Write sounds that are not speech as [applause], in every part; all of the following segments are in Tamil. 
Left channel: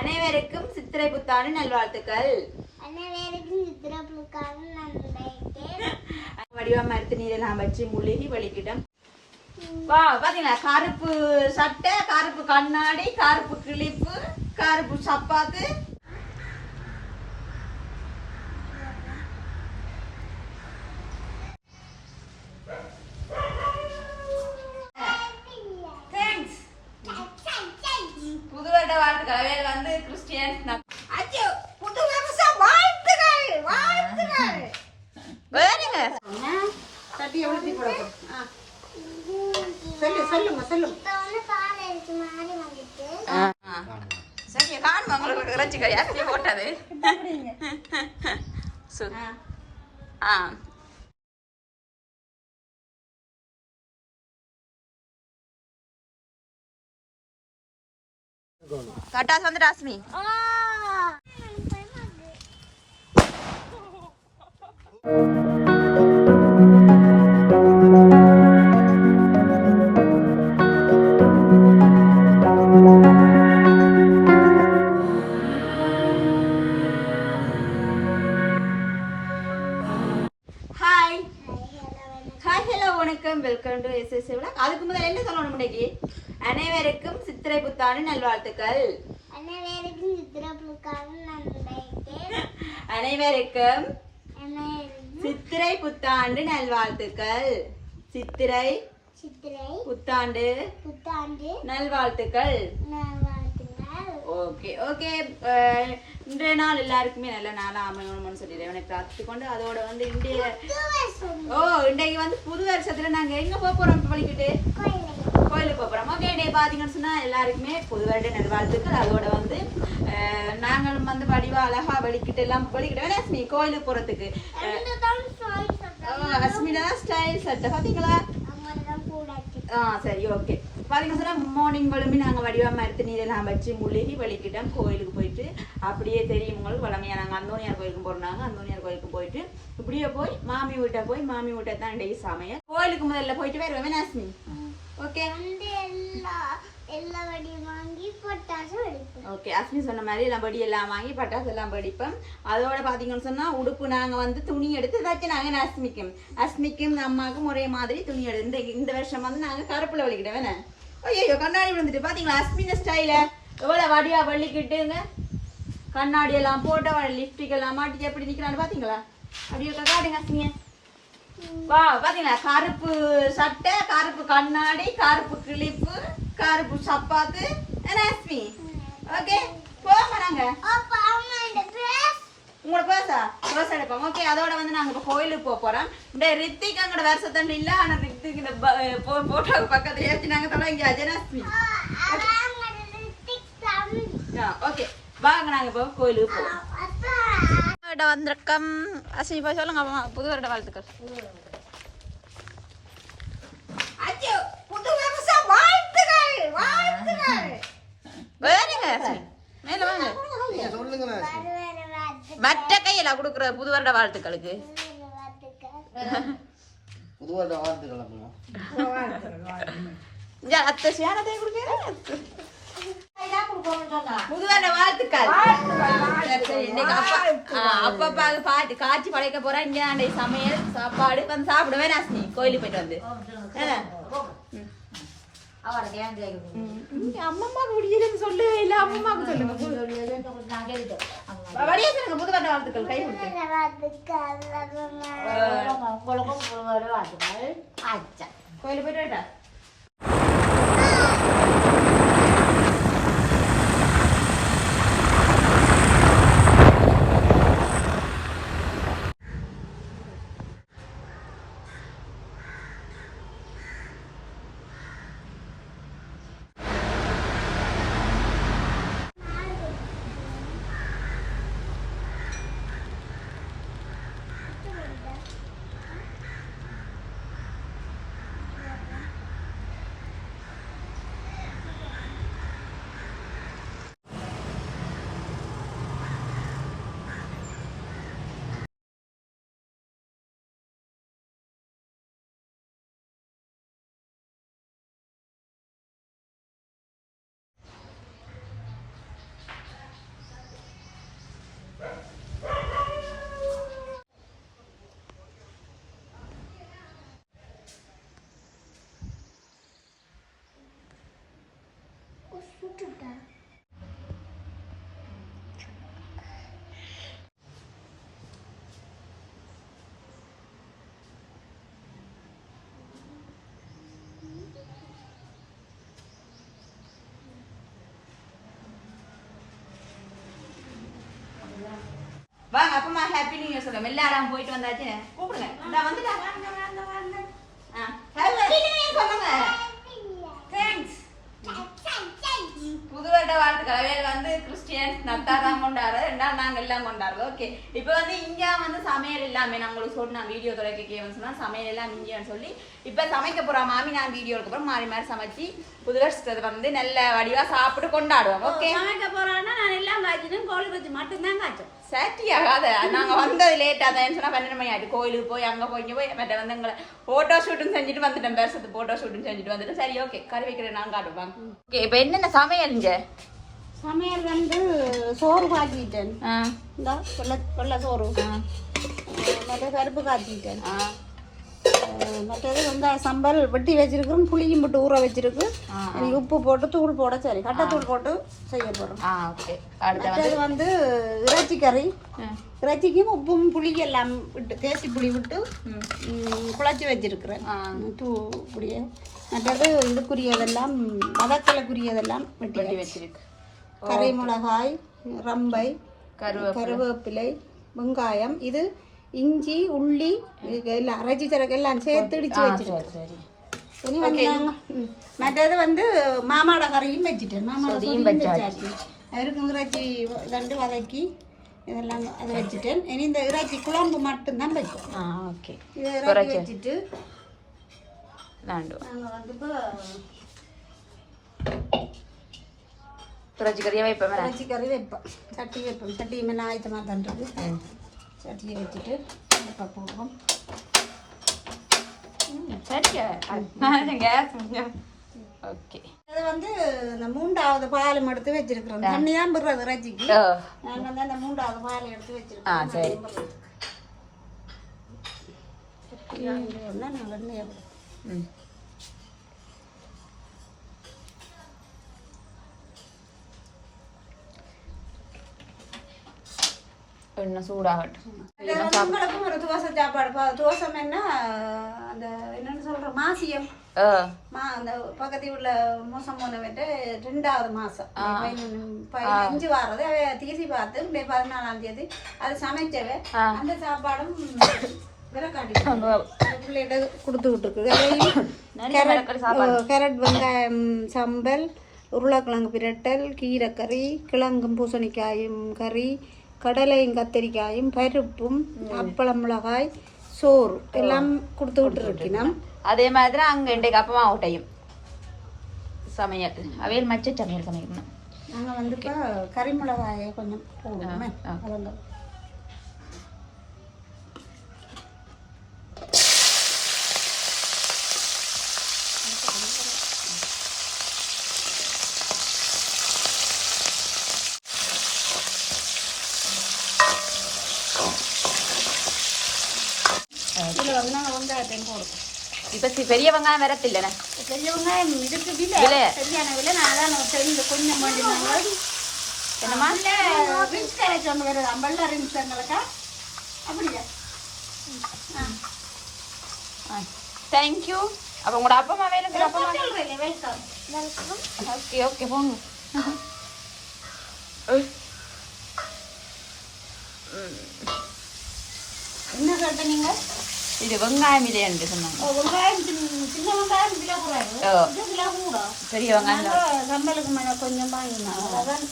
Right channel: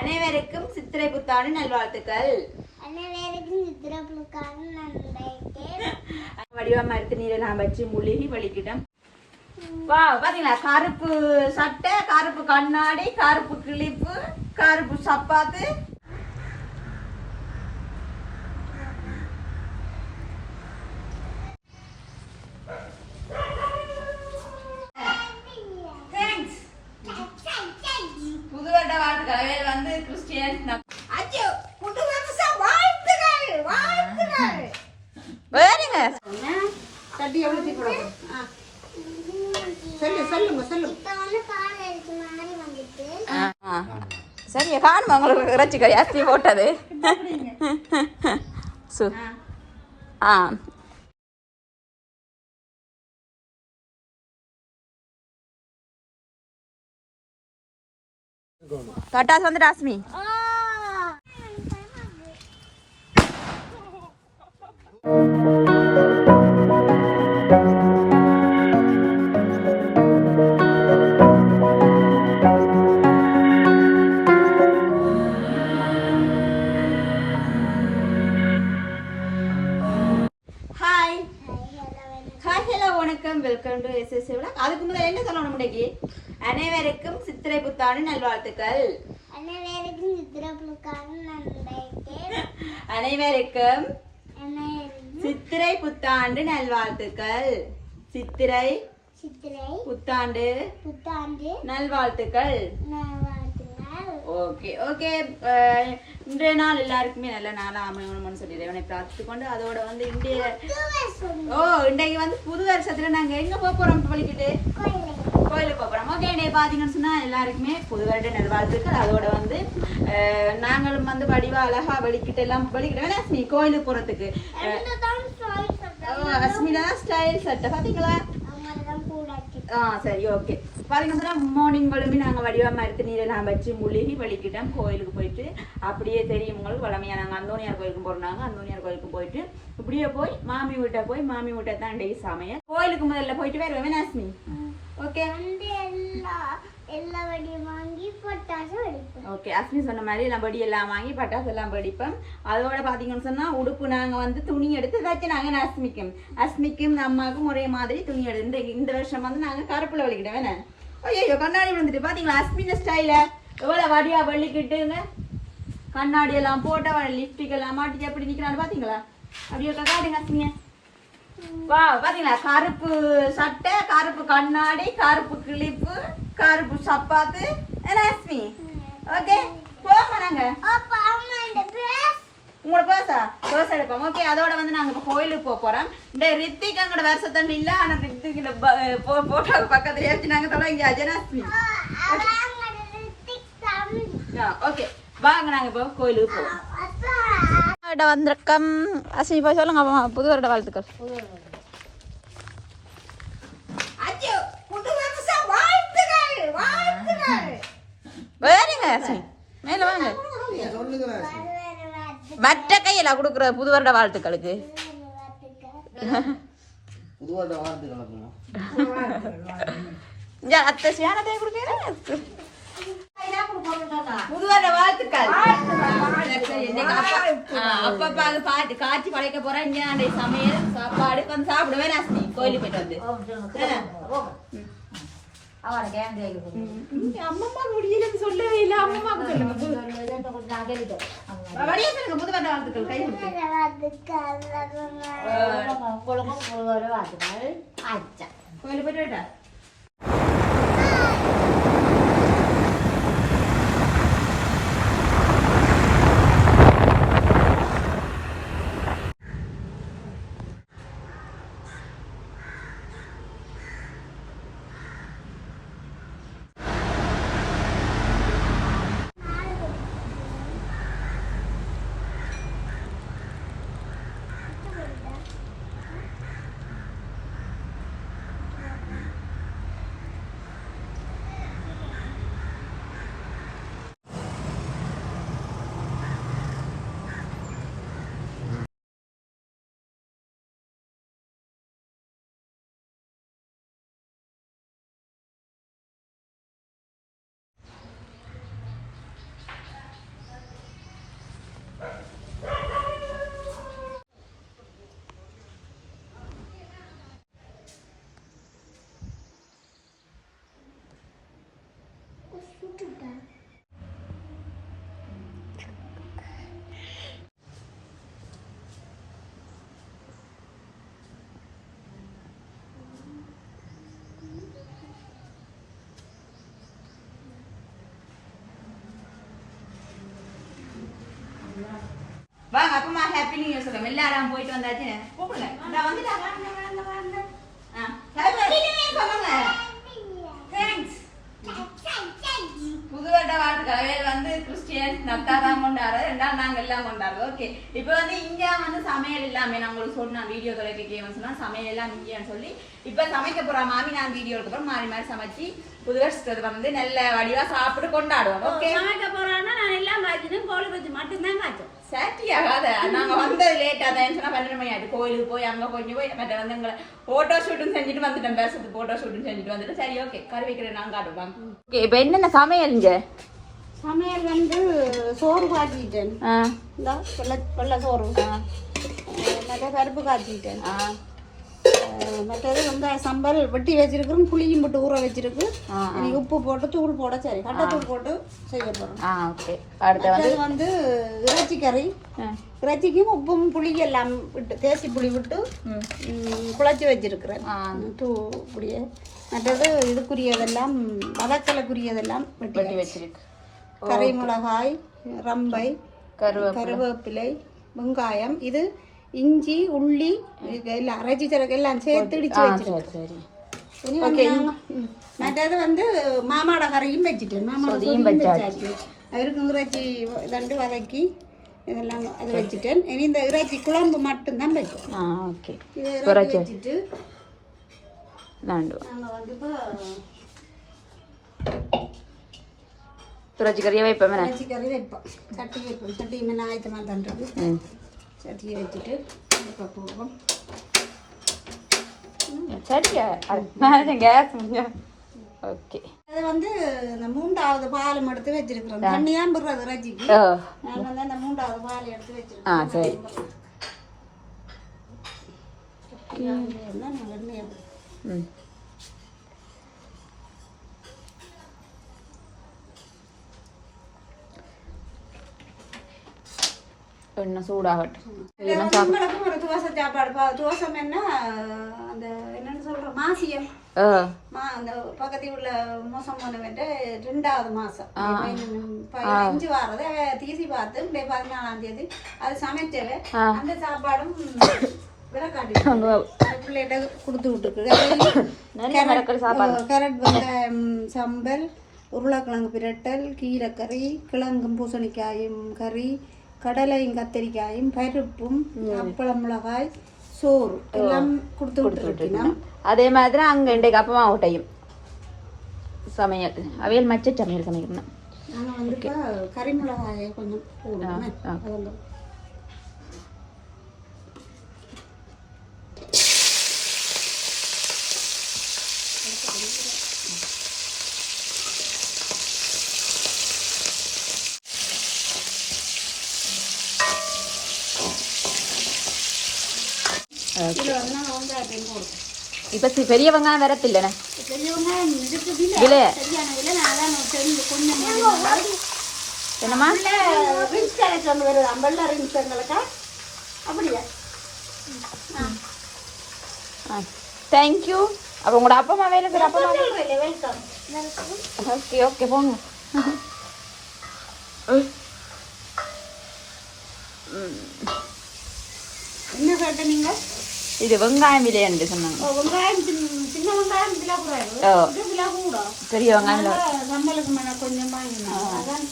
அனைவருக்கும் சித்திரை புத்தாண்டு நல்வாழ்த்துக்கள். வடிவா மருத்து நீரெல்லாம் வச்சு முழுகி வலிக்கிட்டோம் வா பாத்தீங்களா? கருப்பு சட்டை கருப்பு கண்ணாடி கருப்பு கிளிப்பு கருப்பு சப்பாத்து Thanks. புது வருட வாழ்த்துக்கள் இவர் வந்து கிறிஸ்டியன் அச்சோ புது வருஷ வாழ்த்துக்கள் வாழ்த்துக்கள் வேறுங்க கட்டி எவ்வளோ சொல்லு சொல்லுங்க சொல்லுங்க. இப்ப வந்து பால் அடிச்ச மாதிரி வந்துட்டு. சரி காணுமா உங்களுக்கு இறைச்சி கறி அரிசி போட்டது. சு. ஆ. கட்டாஸ் வந்து ராஸ்மி வணக்கம். வெல்கம் டு எஸ் எஸ் அதுக்கு முதல்ல என்ன சொல்லணும் இன்னைக்கு? அனைவருக்கும் சித்திரை புத்தாண்டு நல்வாழ்த்துக்கள். அனைவருக்கும் சித்திரப்புக்காக நன்றிக்கு. அனைவருக்கும் அனைவருக்கும் சித்திரை புத்தாண்டு நல்வாழ்த்துக்கள். சித்திரை சித்திரை புத்தாண்டு புத்தாண்டு நல்வாழ்த்துக்கள். Okay okay. இன்றைய நாள் எல்லாருக்குமே நல்ல நாளாக அமையணும்னு சொல்லி இறைவனை பிரார்த்தித்து கொண்டு அதோட வந்து இன்றைய ஓ இன்றைக்கு வந்து புது வருஷத்துல நாங்க எங்க போக போறோம் பழிக்கிட்டு கோயிலுக்கு கோயிலுக்கு போக போறோம் ஓகே இன்னைக்கு பாத்தீங்கன்னு சொன்னா எல்லாருக்குமே புது வருட நல்வாழ்த்துக்கள். அதோட வந்து நாங்களும் வந்து வடிவா அழகா வெளிக்கிட்டு எல்லாம் வெளிக்கிட்டு அஸ்மி கோயிலுக்கு ஓ, அஸ்மினா ஸ்டைல் சட்டை? கூடாச்சு ஆ சரி ஓகே. பாத்தீங்கன்னா சொன்னா மார்னிங் வளமி நாங்கள் வடிவா மருத்து நீரெல்லாம் வச்சு முழுகி வலிக்கிட்டோம் கோயிலுக்கு போயிட்டு அப்படியே தெரியும் உங்களுக்கு வளமையா. நாங்கள் அந்தோனியார் கோயிலுக்கு போறோம். அந்தோனியார் கோயிலுக்கு போயிட்டு இப்படியே போய் மாமி வீட்டை போய் மாமி வீட்டை தான் டெய்லி சமையல். கோயிலுக்கு முதல்ல போயிட்டு வருவேன் வினாசினி ஓகே எல்லா வடியும் வாங்கி பட்டாசு வெடிப்போம். ஓகே அஸ்மி சொன்ன மாதிரி எல்லாம் படி எல்லாம் வாங்கி பட்டாசு எல்லாம் படிப்போம் அதோட பார்த்தீங்கன்னு சொன்னா உடுப்பு நாங்க வந்து துணி எடுத்து தைச்சினாங்க அஸ்மிக்கும் அஸ்மிக்கும் அம்மாவுக்கும் ஒரே மாதிரி துணி எடுத்து. இந்த இந்த வருஷம் வந்து நாங்க கருப்புல வலிக்கிட்டோம் வேணே ஐயோ கண்ணாடி விழுந்துட்டு. பாத்தீங்களா? அஸ்மின ஸ்டைல எவ்வளவு வடியா வள்ளிக்கிட்டுங்க. கண்ணாடி எல்லாம் போட்ட லிப்டிக் எல்லாம் மாட்டி எப்படி நிக்கிறான்னு பாத்தீங்களா? அப்படியே காட்டுங்க அஸ்மிய. வா பாத்தீங்களா? கருப்பு சட்டை கருப்பு கண்ணாடி கருப்பு கிளிப்பு கருப்பு சப்பாத்து. என்ன அஸ்மி? ஓகே போமா நாங்க. உங்களோட பேசா தோசை எடுப்போம். ஓகே அதோட வந்து நாங்க இப்ப கோயிலுக்கு போக போறோம். இந்த ரித்திக் அங்கட வருஷத்தண்டு இல்ல. ஆனா ரித்திக் இந்த போட்டோக்கு பக்கத்துல ஏற்றி நாங்க தொடங்கி அஜனாஸ்மி அவங்க ரித்திக் தம்பி ஓகே வாங்க நாங்க இப்போ கோயிலுக்கு போவோம். வந்திருக்கம். அஸ்மி போய் சொல்லுங்க அம்மா, புது வருட வாழ்த்துக்கள். புது வருஷ வாழ்த்துக்கள் வாழ்த்துக்கள். வேறுங்க அஸ்மி மேல வாங்க. மற்ற கையில கொடுக்குற புது வருட வாழ்த்துக்களுக்கு. புது வருட வாழ்த்துக்கள் அத்தை வாழ்த்துக்கள். அப்பப்பா அது பாட்டு காட்சி படைக்க போறேன் இங்க சமையல் சாப்பாடு வந்து சாப்பிடுவேன் கோயிலுக்கு போயிட்டு வந்து. ம், அம்மம்மாக்கு முடியலன்னு சொல்லவே இல்லை அம்மம்மாக்கு சொல்லுங்க வழியா சொல்லுங்க புது வருட வாழ்த்துக்கள் கை கொடுத்து. வாத்துக்கள் கோயிலுக்கு போயிட்டு வாங்க அப்பமா ஹாப்பி நியூ இயர் சொல்லுங்க எல்லாரும் போயிட்டு வந்தாச்சு கூப்பிடுங்க இந்த வந்துட்டா வாங்க வாங்க வாங்க ஆ ஹாப்பி நியூ இயர் சொல்லுங்க தேங்க்ஸ் புது அவையில் வந்து கிறிஸ்டியன் நத்தா தான் கொண்டாடுறது ரெண்டாவது நாங்க எல்லாம் கொண்டாடுறோம் ஓகே இப்போ வந்து இங்க வந்து சமையல் இல்லாம நான் உங்களுக்கு சொன்ன வீடியோ தொலைக்க சொன்னா சமையல் எல்லாம் இங்கேன்னு சொல்லி. இப்போ சமைக்க போற மாமி நான் வீடியோ அப்புறம் மாறி மாறி சமைச்சு புது வருஷத்தை வந்து நல்ல வடிவா சாப்பிட்டு கொண்டாடுவோம். ஓகே சமைக்க போறான்னா நான் எல்லாம் காய்ச்சதும் கோழி வச்சு மட்டும்தான் காய்ச்சோம். சாட்டி ஆகாத. நாங்க வந்தது லேட்டா தான். சொன்னா பன்னெண்டு மணி ஆயிட்டு. கோயிலுக்கு போய் அங்க போய் போய் மற்ற வந்து எங்களை போட்டோ ஷூட்டும் செஞ்சுட்டு வந்துட்டோம் பேசுறது போட்டோ ஷூட்டும் செஞ்சுட்டு வந்துட்டு சரி ஓகே கறி வைக்கிறேன் நான் காட்டுவாங்க ஓகே இப்போ என்னென்ன சமையல் இங்க? சமையல் வந்து சோறு காய்ச்சிட்டேன் வெள்ளை சோறு. மற்ற பருப்பு காய்ச்சிட்டேன் மற்றது இந்த சம்பல் வெட்டி வச்சிருக்கிறோம் புளியும் போட்டு ஊற வச்சிருக்கு. உப்பு போட்டு தூள் போட சரி. கட்டத்தூள் போட்டு செய்ய போறோம். ஓகே. அடுத்து மற்றது வந்து இறைச்சி கறி. இறைச்சிக்கும் உப்பும் புளி எல்லாம் விட்டு தேய்ச்சி புளி விட்டு குழச்சி வச்சிருக்கிறேன். தூ இப்படியே மற்றது இதுக்குரியதெல்லாம் மதக்கலைக்குரியதெல்லாம் வெட்டி வெட்டி வச்சிருக்கு. கரை மிளகாய் ரம்பை கருவேப்பிலை. வெங்காயம் இது இஞ்சி உள்ளி எல்லாம் அரைச்சி தரக்கு எல்லாம் சேர்த்து இடிச்சு வச்சிருக்கேன் சரி இனி வந்து. மற்றது வந்து மாமாட கரையும் வச்சுட்டு மாமாட அதையும் கறியும் வச்சாச்சு. அதுக்கு இறைச்சி ரெண்டு வதக்கி இதெல்லாம் அதை வச்சுட்டேன் இனி இந்த இறைச்சி குழம்பு மட்டும்தான் ஓகே. இதை இறக்கி வச்சுட்டு நாங்கள் வந்து இப்போ துளசி கறியை வைப்பேன் இறைச்சி கறி வைப்போம் சட்டி வைப்போம் சட்டி மேலே ஆயத்தமாக பண்ணுறது சட்டியை வச்சுட்டு இப்போ போவோம் சரியா கேஸ் ஓகே அது வந்து இந்த மூன்றாவது பாலம் எடுத்து வச்சிருக்கிறோம் தண்ணி தான் விடுறது இறைச்சிக்கு ஓ நாங்கள் வந்து அந்த மூன்றாவது பால் எடுத்து சரி நான் வெண்ணையை ம் எண்ணெய் சூடாகட்டும் துவசை சாப்பாடு துவசம் என்ன அந்த என்னன்னு சொல்ற மாசியம் அந்த பக்கத்தில் உள்ள மோசம் போனவன்ட்டு ரெண்டாவது மாசம் பதினஞ்சு வாரது தீசி பார்த்து பதினாலாம் தேதி அது சமைச்சவ ஆ. அந்த சாப்பாடும் பிள்ளைகிட்ட கொடுத்து விட்டுருக்கு கேரட் ஓ, கேரட் வெங்காயம் சம்பல் உருளைக்கிழங்கு பிரட்டல் கீரைக்கறி கிழங்கும் பூசணிக்காயும் கறி கடலையும் கத்திரிக்காயும் பருப்பும் அப்பளம் மிளகாய் சோறு எல்லாம் கொடுத்து விட்டுருக்கணும். அதே மாதிரி தான் அங்கே இன்றைக்கு அப்பமா ஊட்டையும் சமையல். அவையல் மச்ச சமையல் சமைக்கணும் நாங்கள் வந்து இப்போ கறி மிளகாயை கொஞ்சம் போடுவோமே ஆ. அதெல்லாம் இதில் வந்து நாங்கள் வெங்காயத்தையும் போடுவோம் இப்போ பெரிய வெங்காயம் வரத்தில்லைண்ணே பெரிய வெங்காயம் இதுக்கு விலை? சரியான விலை நான் தெரிஞ்சு கொஞ்சம் மாதிரி ரிங்ஸ் கலெக்ஷன் வருது அம்பல்ல ரிங்ஸ் எங்களுக்கா அப்படியா? தேங்க்யூ அப்போ உங்களோட அப்பா அம்மா வேறு அப்பா வெல்கம் ஓகே ஓகே போங்க. என்ன கேட்ட நீங்க இது வெங்காயம் விலை என்று சொன்னாங்க. வெங்காயம் சின்ன வெங்காயம் கிலோ கூடாது கிலோ கூட. பெரிய வெங்காயம் சம்பளுக்கு மேல கொஞ்சம் அதான்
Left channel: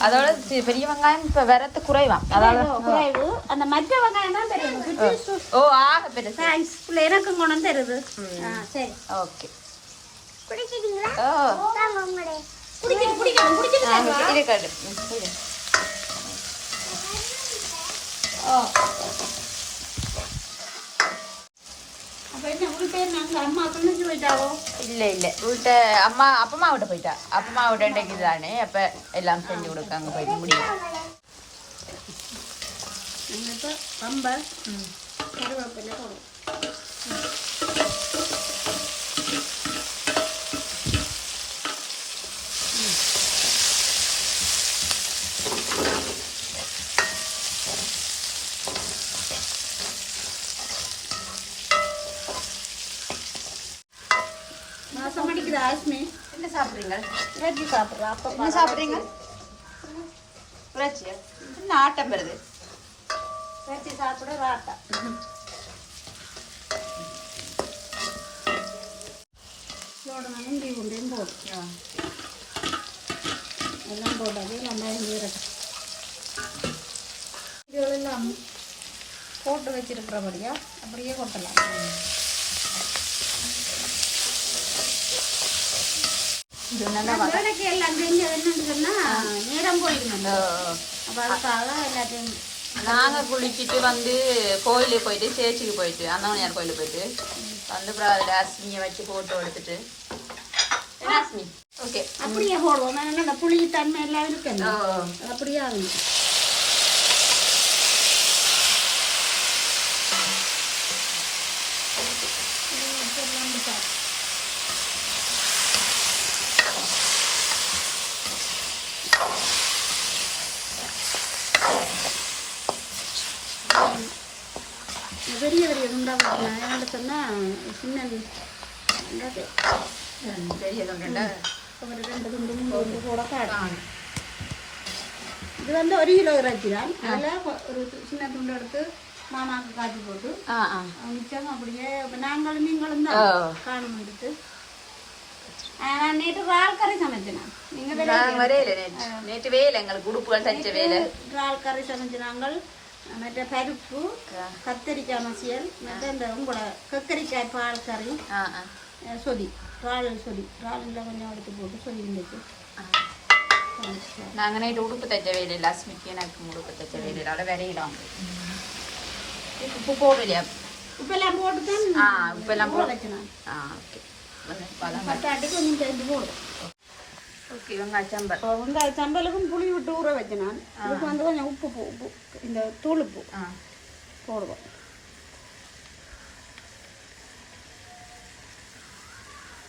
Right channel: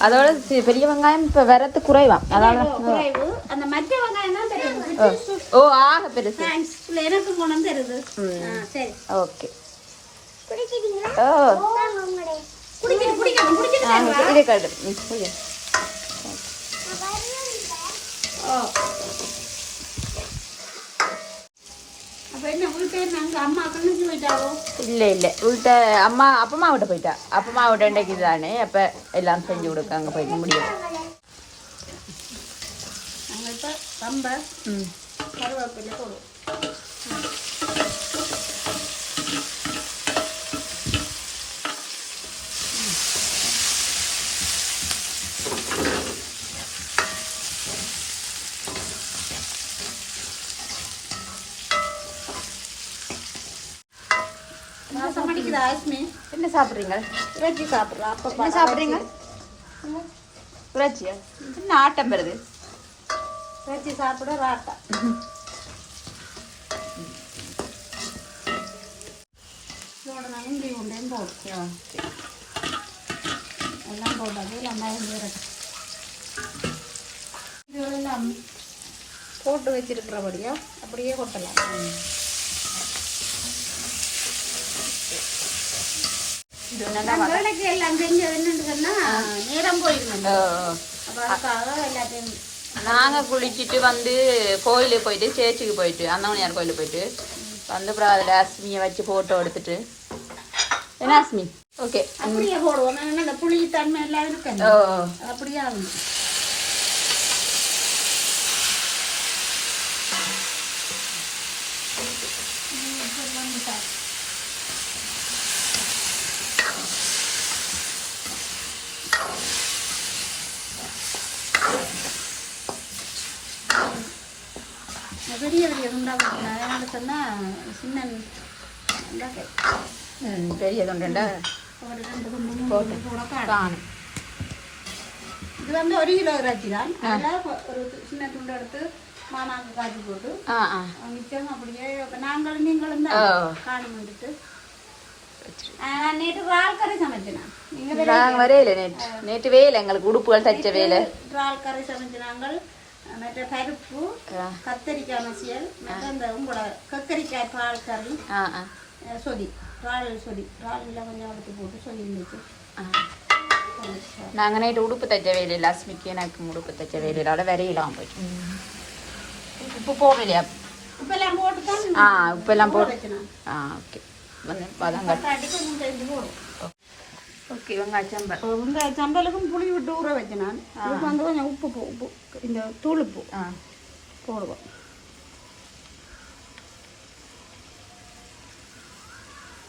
அதோட பெரிய வெங்காயம் இப்ப வரத்து குறைவா? அதான் ஓ, குறைவு. அந்த மற்ற வெங்காயம் தான் தெரியும் ஓ. ஆக பெருசு. எனக்கும் வந்து தருது. சரி. ஓகே. பிடிச்சிட்டீங்களா ஓ. கரெக்ட். ம், சரி. ஓ. அப்ப என்ன வீட்டு நாங்க அம்மா கழிச்சு போயிட்டாவோ இல்ல இல்ல உள்ட்ட அம்மா அப்பமா விட்டு போயிட்டா அப்பமா விட்டு இன்றைக்கு தானே அப்ப எல்லாம் சொல்லி கொடுத்தாங்க சொல்ல முடியும் நாங்க இப்ப பம்பை ம். கருவேப்பிலை போடுவோம் சாப்பிட்றீங்க என்ன சாப்பிட்றீங்க? இறைச்சியா? என்ன ஆட்டம் வருது? இறைச்சி சாப்பிட ராட்டா இதோட நான் இஞ்சி உண்டையும் போடும் எல்லாம் போடாது வெங்காயம் ஜீரகம் இதுகளெல்லாம் போட்டு வச்சிருக்கிறபடியா அப்படியே கொட்டலாம் இது நல்லா நான் வேலைக்கு எல்லாம் செஞ்சது என்னன்னு சொன்னா நேரம் போயிருந்தேன் ஓ. அப்போ அதுக்காக எல்லாத்தையும் நாங்க குளிச்சுட்டு வந்து கோயிலுக்கு போயிட்டு சேர்ச்சுக்கு போயிட்டு அந்தமணியார் கோயிலுக்கு போயிட்டு வந்து அப்புறம் அஸ்மியை வச்சு போட்டோ எடுத்துட்டு. அஸ்மி ஓகே அப்படியே போடுவோம். புளி தன்மை எல்லாம் இருக்கணும். ஓ. அப்படியே பெரிய பெரிய துண்டாக சொன்னால் சின்ன துண்டாக்கு ம், பெரிய தொண்டுண்டா ஒரு ரெண்டு துண்டு மூணு துண்டு கூட காணும் இது வந்து ஒரு கிலோ இறைச்சி தான் அதில் ஒரு சின்ன துண்டு எடுத்து மாமாவுக்கு காய்ச்சி போட்டு ஆ ஆ மிச்சம் அப்படியே இப்போ நாங்களும் நீங்களும் தான் ஓ. காணும் எடுத்து ஆ, நான் நேற்று இறால் கறி சமைச்சேன் நீங்கள் நாங்க வரையில நேற்று நேற்று வேலை எங்களுக்கு உடுப்புகள் தைச்ச வேலை இறால் கறி சமைச்சு நாங்கள் மற்ற பருப்பு ஆ. கத்தரிக்காய் மசியல் மற்ற இந்த உங்களோட கத்தரிக்காய் பால் கறி ஆ ஆ அஹ், சொதி இறால் சொதி இறாலில் கொஞ்சம் எடுத்து போட்டு சொதி இருந்துச்சு ஆ. நாங்க நைட்டு உடுப்பு தைச்ச வேலையில் அஸ்மிக்கு எனக்கு உடுப்பு தைச்ச வேலையிலால வரையலாம் போய் உப்பு போடலையா இப்போ எல்லாம் போட்டு தான் ஆ உப்பு எல்லாம் போடு வச்சேன் நான் ஆ ஓகே வந்து பதம் பட்டாட்டி கொஞ்சம் செஞ்சு போடும் ஓகே வெங்காயம் சாம்பார் இப்போ வெங்காய சம்பலுக்கும் புளி விட்டு ஊற வச்சேன் நான் இதுக்கு வந்து கொஞ்சம் உப்பு போ உப்பு இந்த தூள் உப்பு போடுவோம்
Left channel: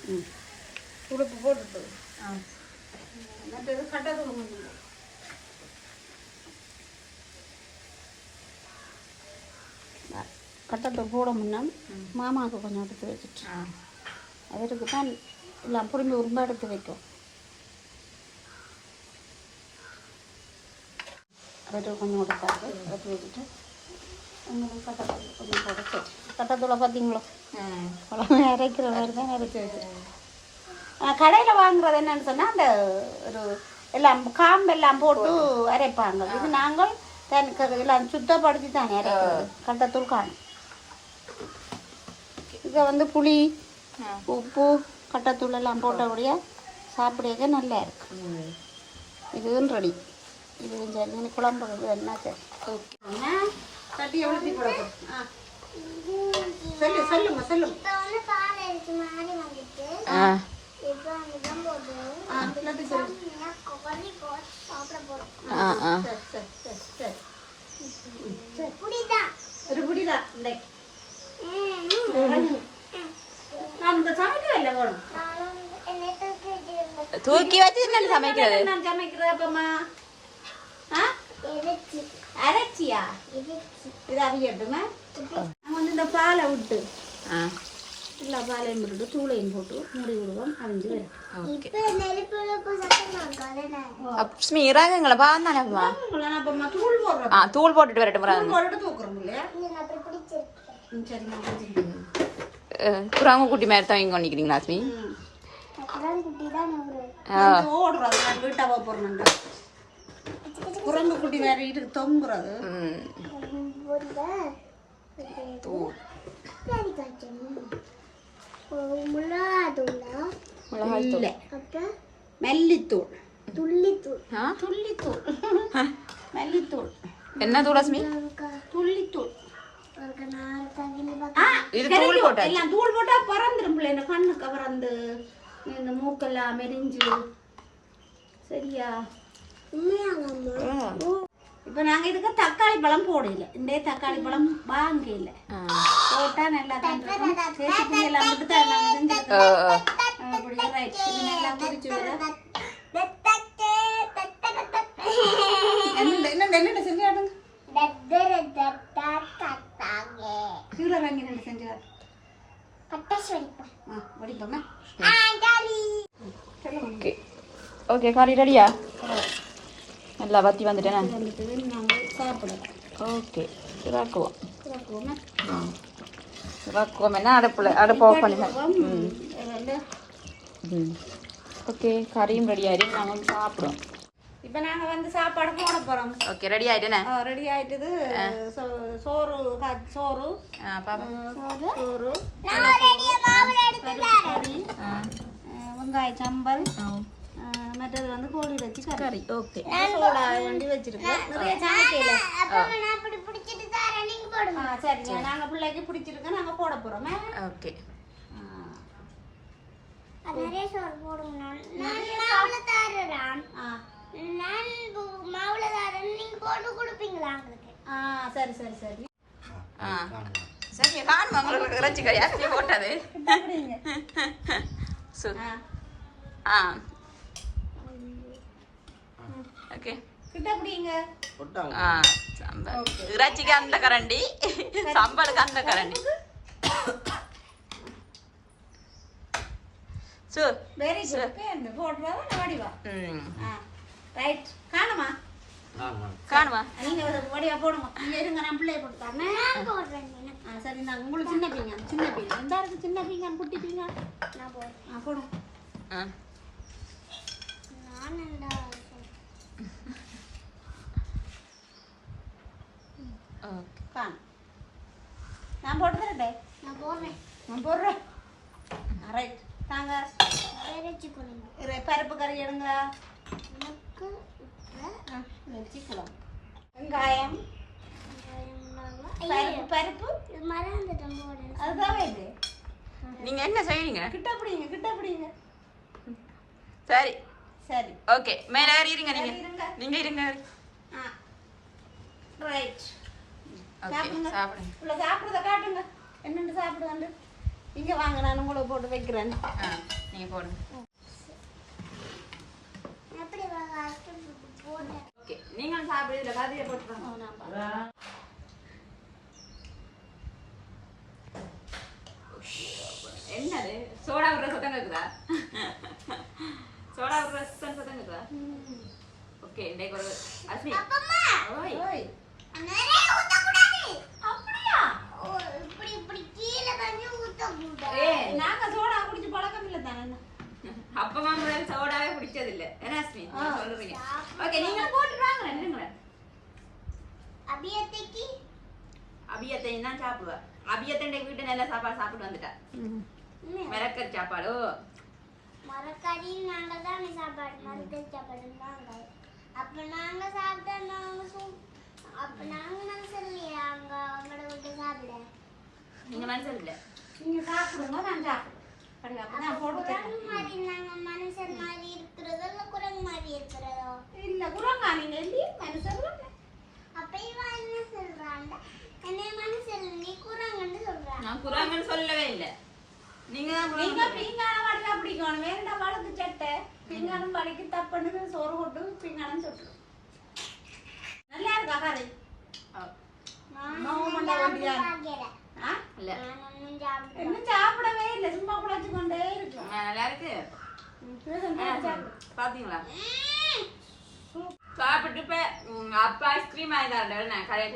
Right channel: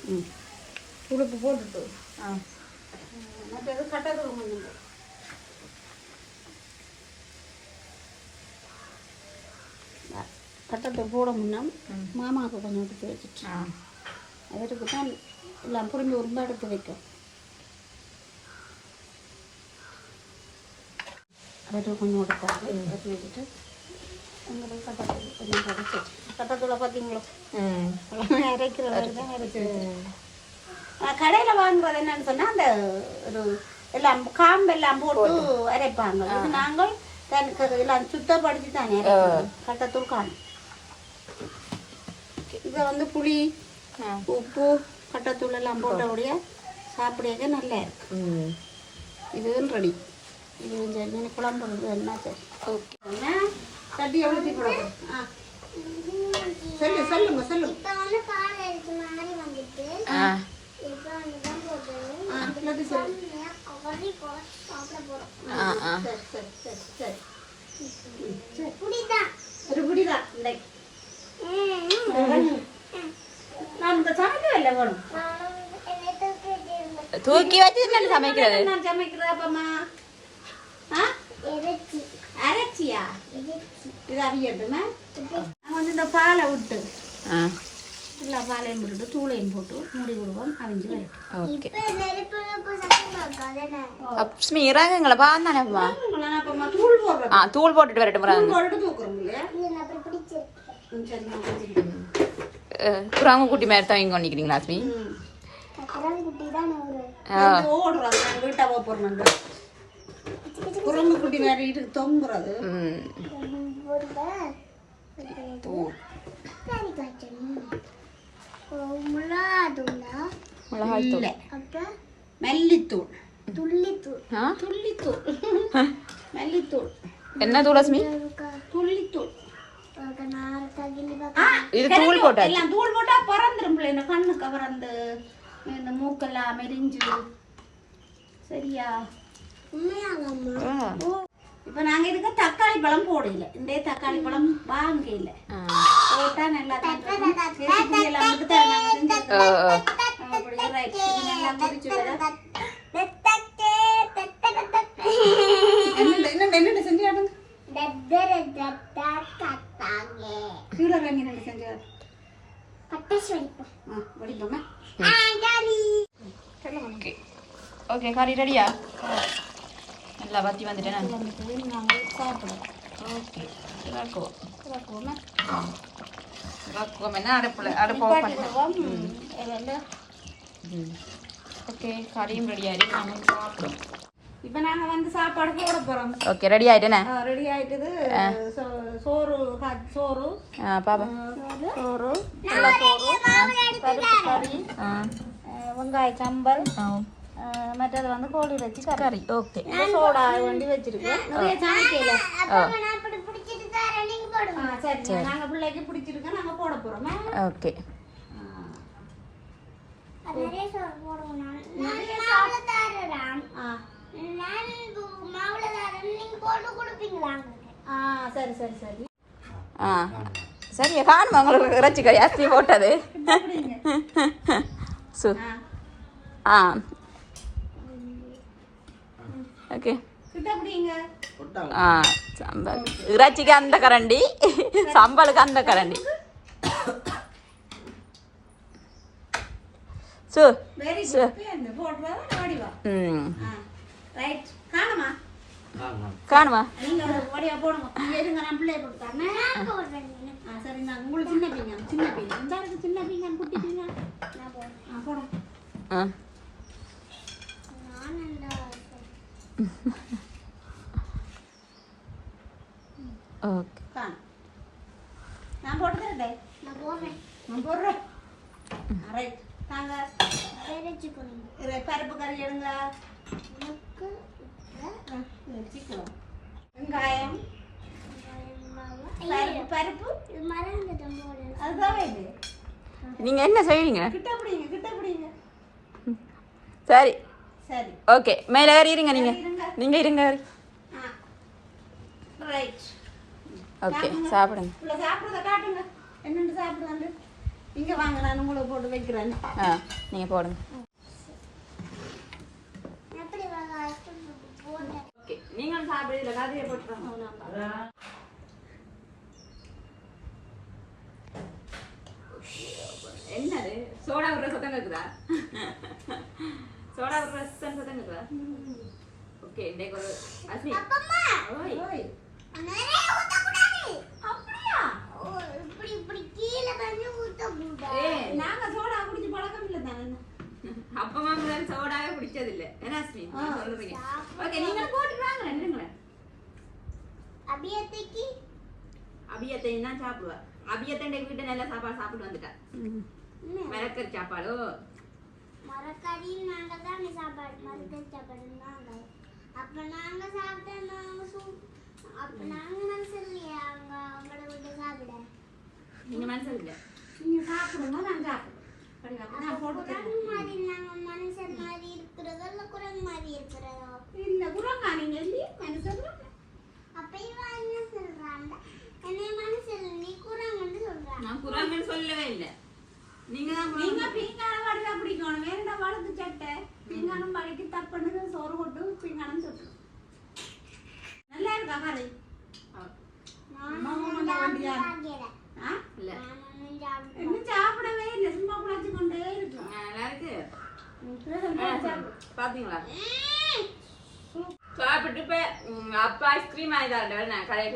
ம் உப்பு போட்டுட்டு ஆ மற்றது கட்டை தூள் கொஞ்சம் போ. கட்டத்தூள் போட முன்னா மாமாவுக்கு கொஞ்சம் எடுத்து வச்சுட்டு அதற்கு தான் எல்லாம் புரிஞ்சு உருண்டை எடுத்து வைக்கும் கொஞ்சம் எடுத்தாரு எடுத்து வச்சுட்டு கொஞ்சம் படைச்சு கட்டத்தூளை பார்த்தீங்களோ குழம்பு அரைக்கிற மாதிரி தான் கடையில் வாங்குறது என்னன்னு சொன்னால் அந்த ஒரு எல்லாம் காம்பு எல்லாம் போட்டு அரைப்பாங்க இது நாங்கள் தனக்கு எல்லாம் சுத்தப்படுத்தி தானே அரைக்கிறது கட்டத்தூள் காணும் இதை வந்து புளி உப்பு கட்டத்தூள் எல்லாம் போட்டபடியா சாப்பிடுறதுக்கு நல்லா இருக்கு இதுவும் ரெடி இது இந்த இந்த குழம்பு இது என்ன சரி ஓகே என்ன கட்டி எவ்வளோ தீக்கிரம் ஆ சொல்லு சொல்லுங்க சொல்லுங்க இப்போ வந்து பால் அடிச்ச மாதிரி வந்துட்டு ஆ இப்போ அங்கதான் போட்டு ஆ எல்லாத்தையும் சொல்லு செம்மையா கொதி போட்டு சாப்பிட போறோம் ஆ ஆ சரி சரி சரி சரி சரி புடிதான் ஒரு பிடிதான் இந்த நான் இந்த சமைக்கவே இல்லை வேணும் என்னை தூக்கிட்டு தூக்கி வச்சு என்ன சமைக்கிறது நான் சமைக்கிறேன் அப்பம்மா ஆ இறைச்சி அரைச்சியா இது அவியட்டுமே நான் வந்து இந்த பாலை விட்டு ஆ எல்லா பாலையும் விட்டுட்டு தூளையும் போட்டு மூடி விடுவோம் ஓகே இறங்குங்களா பாந்தானேப்பா ஆ தூள் போட்டுட்டு வரட்டும் குட்டி மாதிரி தான் இங்கே அஸ்மி ம் அப்புறம் குட்டி தான் ஒரு கொஞ்சம் ஓடுறது நான் வீட்டை போடுறேன் குரங்கு குட்டி வேற வீட்டுக்கு தொங்குறது. மிளகாய் தூள். மெல்லித்தூள். துள்ளித்தூள். துள்ளித்தூள். மெல்லித்தூள். என்ன தூள் அஸ்மி? துள்ளித்தூள். இது தூள் எல்லாம் தூள் போட்டா பறந்துரும் பிள்ளை. இந்த கண்ணுக்கு பறந்து இந்த மூக்கெல்லாம் மெரிஞ்சு. சரியா. இப்போ நாங்க இதுக்கு தக்காளி பழம் போடல. இந்த தக்காளி பழம் வாங்கல. ஆ. போட்டா நல்லா தான் என்னண்டு செஞ்சாடும் கீழே வாங்கி ரெண்டு செஞ்சாடும் பட்டாசு வெடிப்போம் ஆ வடிப்போமே ஆ, டாடி. சொல்லுங்க ஓகே. கறி ரெடியா நல்லா வத்தி வந்துட்டேன் ஓகே இதாக்குவோம் சாப்பிடுவோம் இதாக்குவோம் என்ன? அடுப்பில் அடுப்பு ம். ஓகே கறியும் ரெடி ஆகிடும் நாங்கள் சாப்பிடுவோம் இப்போ நாங்கள் வந்து சாப்பாடு போட போகிறோம் ஓகே ரெடி ஆகிட்டேனே ரெடி ஆயிட்டது சோ- சோறு சோறு. பாப்பா. சோறு சோறு வெங்காய சம்பல் மற்றது வந்து கோழி வச்சு கறி ஓகே சோடா வண்டி வச்சிருக்கோம் நிறைய சமைக்கல அப்ப நான் அப்படி பிடிச்சிட்டு தரேன் நீங்க போடுங்க ஆ, சரி நாங்க பிள்ளைக்கு பிடிச்சிருக்கோம் நாங்க போட போறோம் ஓகே அது நிறைய சோறு போடுவோம் நான் நான் மாவுல தரேன் ஆ நான் மாவுல தரேன் நீங்க போட்டு கொடுப்பீங்களா ஆ சரி சரி சரி ஆ சரி காணுமா உங்களுக்கு இறைச்சி கறி அரிசி போட்டது சு ஆ ஓகே ஆ சம்பல் இறைச்சிக்கு அந்த கரண்டி சம்பலுக்கு அந்த கரண்டி சு ம் ஆ ரைட் காணுமா சின்ன தரேன் நான் போடுறேன் நான் போடுறேன். ரைட் தாங்க. இறைச்சி கொடுங்க இரு, பருப்பு கறி எடுங்களா? எனக்கு வச்சுக்கலாம். வெங்காயம். பருப்பு அதுதான் இது நீங்கள் என்ன செய்வீங்க? கிட்ட பிடிங்க கிட்ட பிடிங்க. சரி. சரி. ஓகே மேலே ஏறி இருங்க நீங்கள் இருங்க. நீங்கள் இருங்க ஏறி. ரைட் ஓகே சாப்பிடுங்க. உள்ள சாப்பிட்றத காட்டுங்க. என்னென்னு சாப்பிடுவாங்க? இங்கே வாங்க நான் உங்களை போட்டு வைக்கிறேன். ஆ நீங்கள் போடுங்க. எப்படி வெங்காயத்தை போட்டேன் ஓகே நீங்கள் சாப்பிடுறதுல கதையை போட்டுருங்க என்னது? சோடா விடுற சத்தம் கேக்குதா? சோடா விடுற சத்தம் சத்தம் கேக்குதா ஓகே இன்னைக்கு ஒரு அஸ்மி அப்பம்மா ஓய் நிறைய ஊத்தக்கூடாது அப்படியா ஓ, இப்படி இப்படி கீழே தண்ணி ஊத்தக்கூடாது ஏய் நாங்க சோடா குடிச்சு பழக்கம் இல்லை தானே அப்பமா மாதிரி சோடாவே குடிச்சது இல்ல என்ன அஸ்மி ஆ. சொல்லுறீங்க ஓகே நீங்க போட்டு வாங்க என்னங்களேன் அபியத்தைக்கு அபியத்தையும் தான் சாப்பிடுவா அபியத்தண்டை வீட்டு நல்ல சாப்பாடு சாப்பிட்டு வந்துட்டா மிளக்கறி சாப்பாடு மரக்கறி நாங்க தான் சாப்பாடு மரக்கறி சாப்பாடு நாங்க அப்ப நாங்க சாப்பிட்டா நாங்க சூ- அப்ப நாங்க மனசு இல்லையா அங்க அவங்கள விட்டு சாப்பிட? நீங்க மனசு இல்ல நீங்க சாப்பிடுங்க நான் சாப்பிடுவேன் மாதிரி நாங்க மனுஷன் மாதிரி இருக்கிறதோ இல்ல குரங்கு மாதிரி இருக்கிறதோ? இல்ல குரங்கா நீங்க இல்லையே மனுஷன் அப்ப இவன் என்ன சொல்றாங்க? என்னை மனுஷன் நீ குரங்குன்னு சொல்றாங்க நான் குராங்கன்னு சொல்லவே இல்ல. நீங்க நீங்க குராங்க பீங்கான வடிவா பிடிக்கணும். வேணுடா வளர்த்து சட்டை. பீங்கானம் வடிக்கு தப்புன்னு சோறு கொட்டு பீங்கானம் சொட்டு நல்லா இருக்கா இன்னும் சாப்பிடவே இல்லை. சும்மா குழச்சு கொண்டே இருக்கும் நல்லா இருக்கு. பாத்தீங்களா. சாப்பிட்டு அப்பா ஐஸ்கிரீம் ஆயிதாண்டா நான் கடையை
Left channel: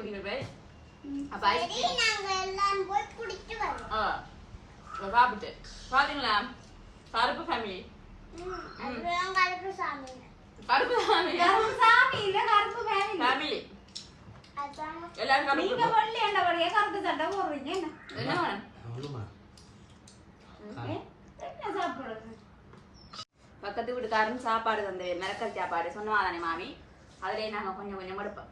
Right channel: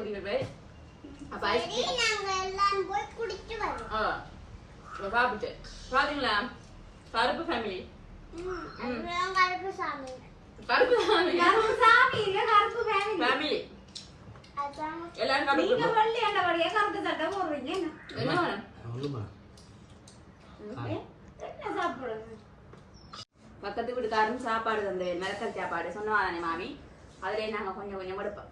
அப்ப ஐஸ்கிரீம் நாங்க எல்லாரும் போய் குடிச்சு வரோம் இப்ப சாப்பிட்டு பாத்தீங்களா பருப்பு ஃபேமிலி கருப்பு சாமி பருப்பு ஃபேமிலி கருப்பு சாமி இல்ல கருப்பு ஃபேமிலி ஃபேமிலி எல்லாரும் நீங்க சாப்பிட்டு வெள்ளி ஆண்டபடியா கருத்து சட்டை போடுறீங்க என்ன என்ன வேணும் சொல்லுமா ஏ, என்ன சாப்பிடுறது பக்கத்து வீட்டுக்காரன் சாப்பாடு தந்து மிளக்கல் சாப்பாடு சொன்னவா தானே மாமி அதுலயே நாங்க கொஞ்சம் கொஞ்சம் எடுப்போம்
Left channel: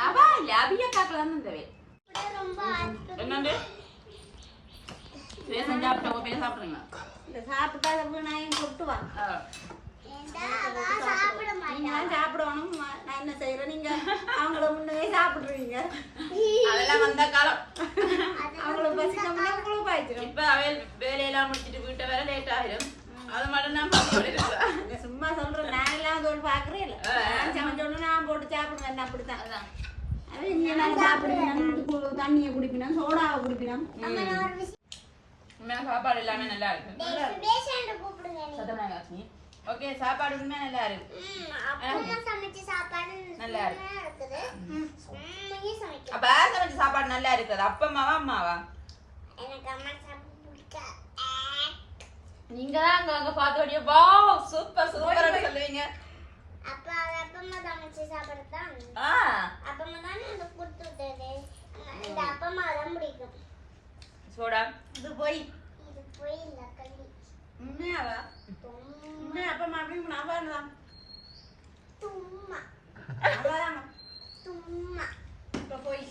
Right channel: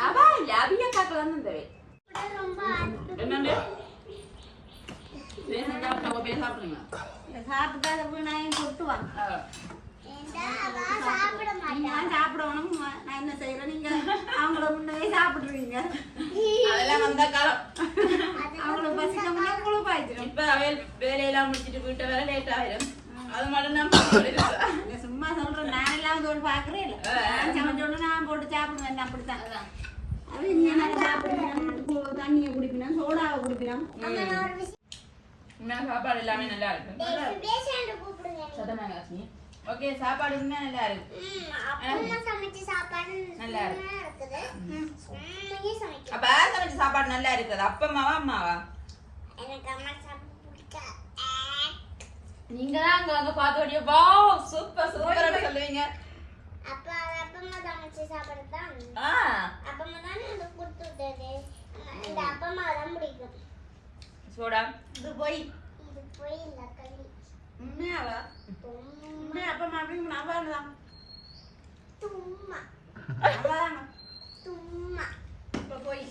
அவ இல்ல அபியா காக்கல தான் தந்தவே என்னண்டு பேசன் சாப்பிட்டா நீங்க சாப்பிடணும். நான் என்ன செய்யறேன் நீங்க அவங்கள முன்னே சாப்பிடுறீங்க. அதெல்லாம் வந்த காலம். அவங்கள பசிக்கணும்னா உங்களுக்கு பாய்ச்சிடும் இப்ப அவையல் வேலையெல்லாம் முடிச்சிட்டு வீட்டை வேலை லேட் ஆயிரும். அது மட்டும் நான் சும்மா சொல்றேன். நான் எல்லாம் தோல் பாக்குறேன் இல்ல. நான் சமைச்சோன்னு நான் போட்டு சாப்பிடுவேன். அப்படித்தான். நாள் சாப்பிடுவேன். தண்ணியை குடிப்பினா சோடாவை குடிப்பினா அம்மா உண்மையான சாப்பாடு எல்லாமே நல்லா இருக்கு. ஓகே சாப்பாடு உண்மையா நல்லா இருக்கு? அப்பா நல்லா இருக்கு. அப்ப யார் சமைச்ச சாப்பாடு நல்லா இருக்குது? அப்பம்மாவா அம்மாவா அம்மா பிடிக்காது நீங்க தான் அங்க அங்க பார்த்து வா சூப்பர் சூப்பர் சொல்லுவீங்க. அப்பா அப்பம்மா சமைச்ச சாப்பாடு தான். ஆ. அப்பம்மா தானே கொடுத்து விட்டது. சோடா. இது போய். இது போய் இல்லை உண்மையாவா? உண்மையா அப்ப தும்மா. தும்மா. இப்ப போய்.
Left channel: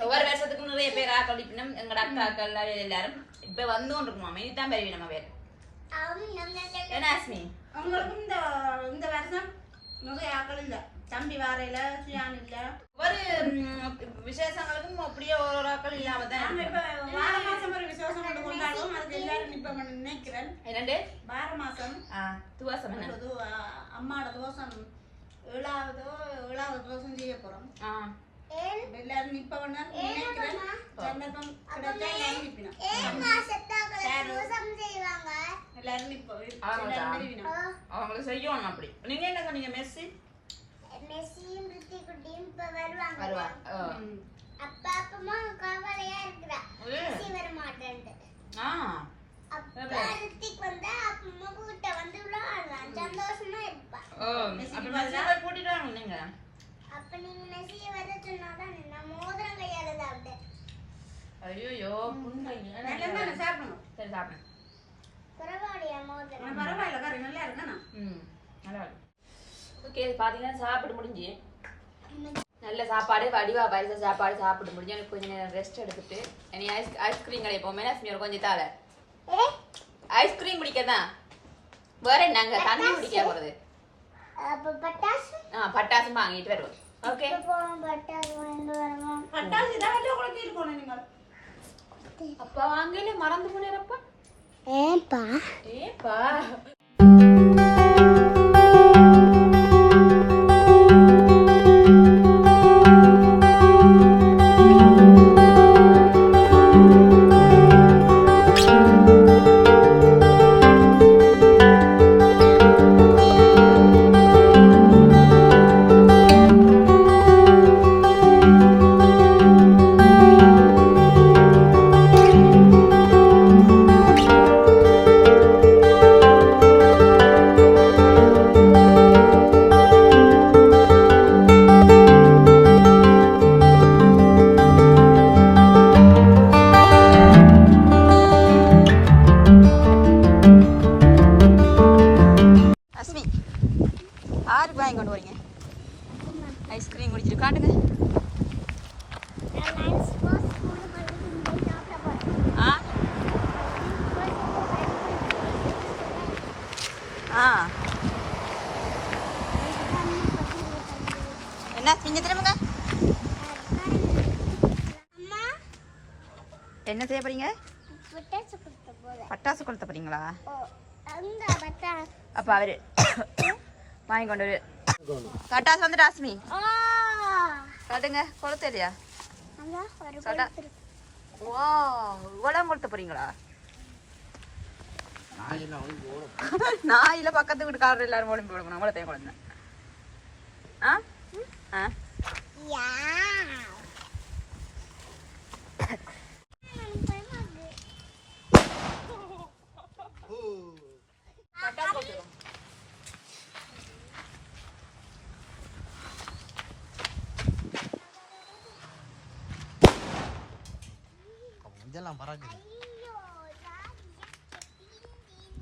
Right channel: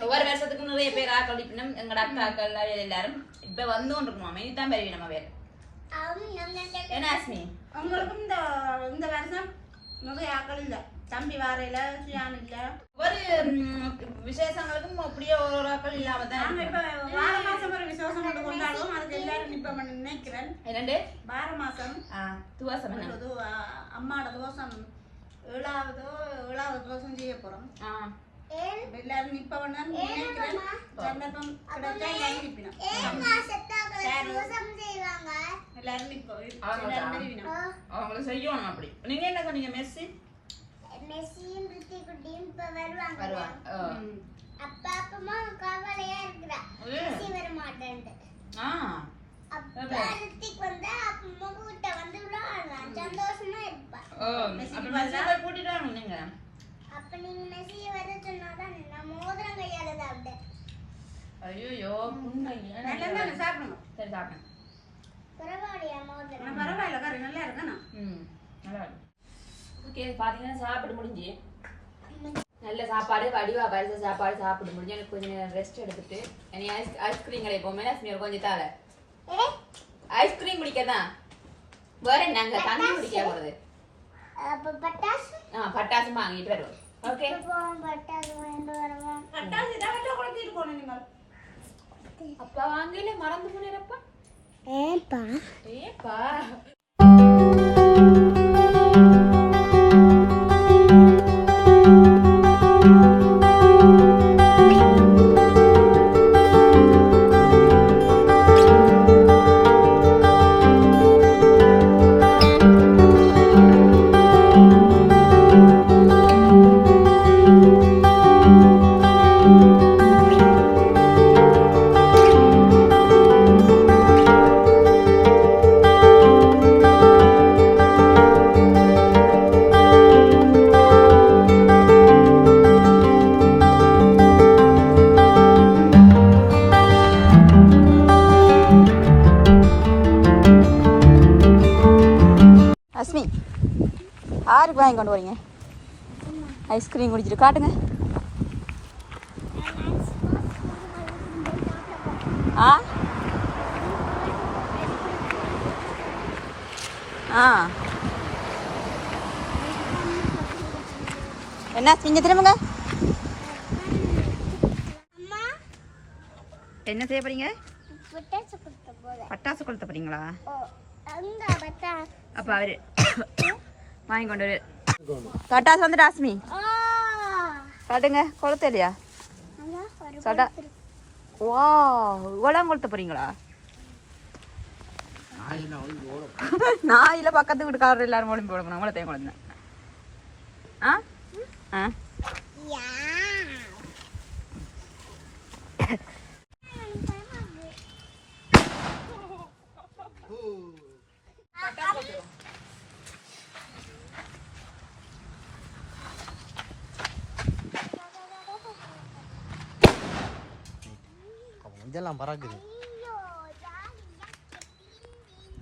ஒவ்வொரு வருஷத்துக்கும் நிறைய பேர் ஆக்களிப்பினும் எங்கட அக்காக்கள் எல்லாரும் இப்ப வந்து கொண்டிருக்குமா இதுதான் பெரிய நம்ம நம்ம என்ன ஆஸ்மி உங்களுக்கும் இந்த இந்த வருஷம் நிறைய ஆக்கள் இல்ல. தம்பி வாரையில சுயான் இல்ல. ம், விசேஷங்களுக்கும் அப்படியே ஒரு ஒரு ஆக்கள் இல்லாம தான் நாங்க இப்ப. வார மாசம் ஒரு விசேஷம் கொண்டு கொண்டாடுவோம். அதுக்கு எல்லாரும் நிப்ப நினைக்கிறேன். என்னண்டு? வார மாசம். துவாசம் என்ன? ஒரு து- அ- அம்மாவோட தோசம் ஏழாவதோ ஏழாவது தோசம் செய்ய போறோம். இப்ப எல்லாரும் நிப்ப நினைக்கிறேன். சந்தர்ப்பம் கிடைச்சா எல்லாரும் நிறுவினோம் அவங்களுக்கு செய்யணும் அப்படி. நீங்க என்ன சொன்னீங்க மெஸ்ஸி மெஸ்ஸியும் ரித்தி குட்டியும் இப்ப வருவாங்க. வருவாங்க. அப்பா அப்பமா கவலையா இருக்கிறா? மெஸ்ஸி வர மாட்டேன்ட்டு ஆ. அப்பா ரித்திக் வந்தா அப்பமா கூட்ட வந்து விளையாடுறான் சந்தோஷமா இருப்பா. அப்ப கூட்டிட்டு வாங்க நீங்க? அப்ப நீங்க மெஸ்ஸியை வர சொன்னாதான் நான் மோதிரம் கையால சாப்பிட்டேன் ஐயோ புண்ணை நல்லா தானே சாப்பிடணும்? சரி சாப்பிடுங்க பரவாயில்லையா மோதிரம்? பரவாயில்ல கறி நல்லா இருக்கணும் ம் நல்லா இருக்கு ஓகே பார்த்தீங்கன்னா சாப்பிட்டு முடிஞ்சு. நல்ல சாப்பாடு வடிவா பரிச சாப்பாடு சாப்பிட்டு முடிஞ்சு. எனக்கு கொஞ்சம் நேரம் ரெஸ்ட் எடுத்துட்டு இனி ஐஸ் ஐஸ்கிரீம் கடை போமே லட்சுமி ஒரு கொஞ்சம் ஏ ஐஸ்கிரீம் குடிக்கதான் வேற நாங்க தண்ணி குடிக்க போறது. அப்ப பட்டாசு? ஆ பட்டாசும் வாங்கிட்டு வருவோம். ஓகே பட்டாசு வாங்கிட்டு வருவோம். பட்டாசு இதை வச்சு குழந்தை இருக்கணும் நீங்கள் அப்பா வாங்கல மறந்து போனேரப்பா ஏன்பா? ஏப்பா காட்டுங்க. ஆ? ஆ. என்ன இங்க திரும்புங்க அம்மா என்ன செய்ய போறீங்க? பட்டாசு கொடுத்த போத பட்டாசு கொளுத்த போறீங்களா? அங்க பட்டாசு அப்ப அவரு வாங்கி கொண்டு வரு. பட்டாசு வந்துட்டு அஸ்மி ஆ. காட்டுங்க கொளுத்த இல்லையா? சடா வா இவ்வளோ கொளுத்த போறீங்களா? [laughs] நாயில பக்கத்து வீட்டுக்காரர் எல்லாரும் ஒளிம்பு போடணும் அவ்வளோத்தையும் குழந்தை ஆ? ஆ? யா. இதெல்லாம் பறக்குது.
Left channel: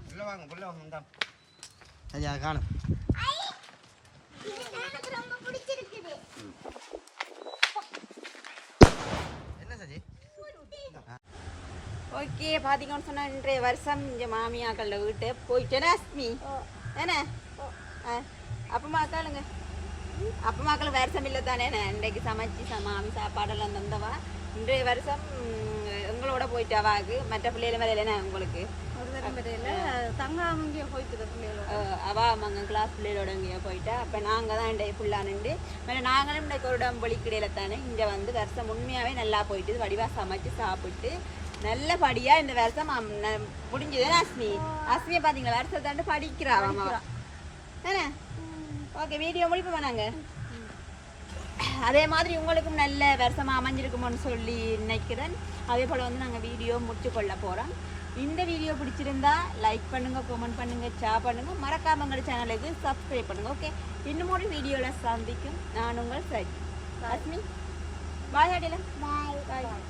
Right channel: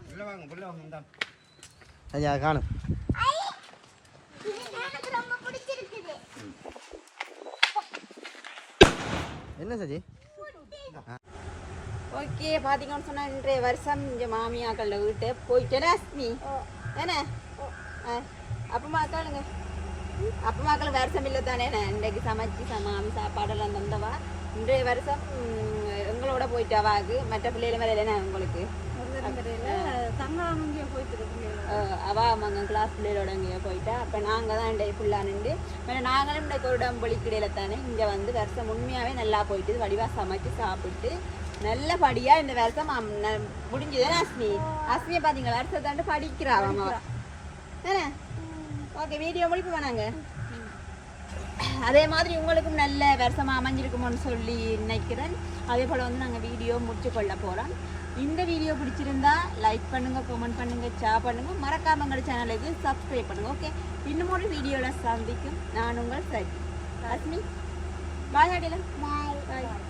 உள்ள வாங்க உள்ள வாங்க இந்தா. ஐயா காணும் என்ன சஜி? ஓகே பார்த்தீங்கன்னு சொன்னா இன்றைய வருஷம் இங்கே மாமியாக்கள வீட்டு போயிட்டேன் அஸ்மி என்ன? ஆ. அப்பமா அக்காளுங்க அப்பமா அக்கள் வருஷம் இல்லை தானே இன்றைக்கு சமைச்சு ச- மாமி சாப்பாடெல்லாம் தந்தவா? இன்றைய வருஷம் ம், எங்களோட போயிட்டாவாக்கு மற்ற பிள்ளைகள் மேலே இல்லைன்னா உங்களுக்கு? போயிட்டு பிள்ளைகள் அஹ் அவ அவங்க கிளாஸ் பிள்ளைகளோட இங்கே போயிட்டா. அப்போ நாங்கள் தான் இன்றைய ஃபுல்லாக நின்று மேலே நாங்களும் இன்றைக்கு ஒரு இடம் பொலிக்கிடையில தானே இங்கே வந்து வருஷம் உண்மையாகவே நல்லா போயிட்டு வடிவாக சமைச்சு சாப்பிட்டு நல்லபடியா இந்த வருஷம் முடிஞ்சது அஸ்மி? அஸ்மியை பாத்தீங்களா? வருஷத்தாண்டு படிக்கிறா என்ன ஓகே வீடியோ முடிப்போம் நாங்க? அதே மாதிரி உங்களுக்கும் நல்ல வருஷமா அமைஞ்சிருக்குமோன்னு சொல்லி நினைக்கிறேன். அதே போல வந்து நாங்க வீடியோ முடிச்சு கொள்ள போறோம். இந்த வீடியோ பிடிச்சிருந்தா லைக் பண்ணுங்க கமெண்ட் பண்ணுங்க ஷேர் பண்ணுங்க. மறக்காம எங்கள் சேனலுக்கு சப்ஸ்கிரைப் பண்ணுங்க ஓகே இன்னும் ஒரு வீடியோல சந்திக்கும். நான் உங்கள் சரி. அஸ்மி. பாய் அடியில பாய் பாய்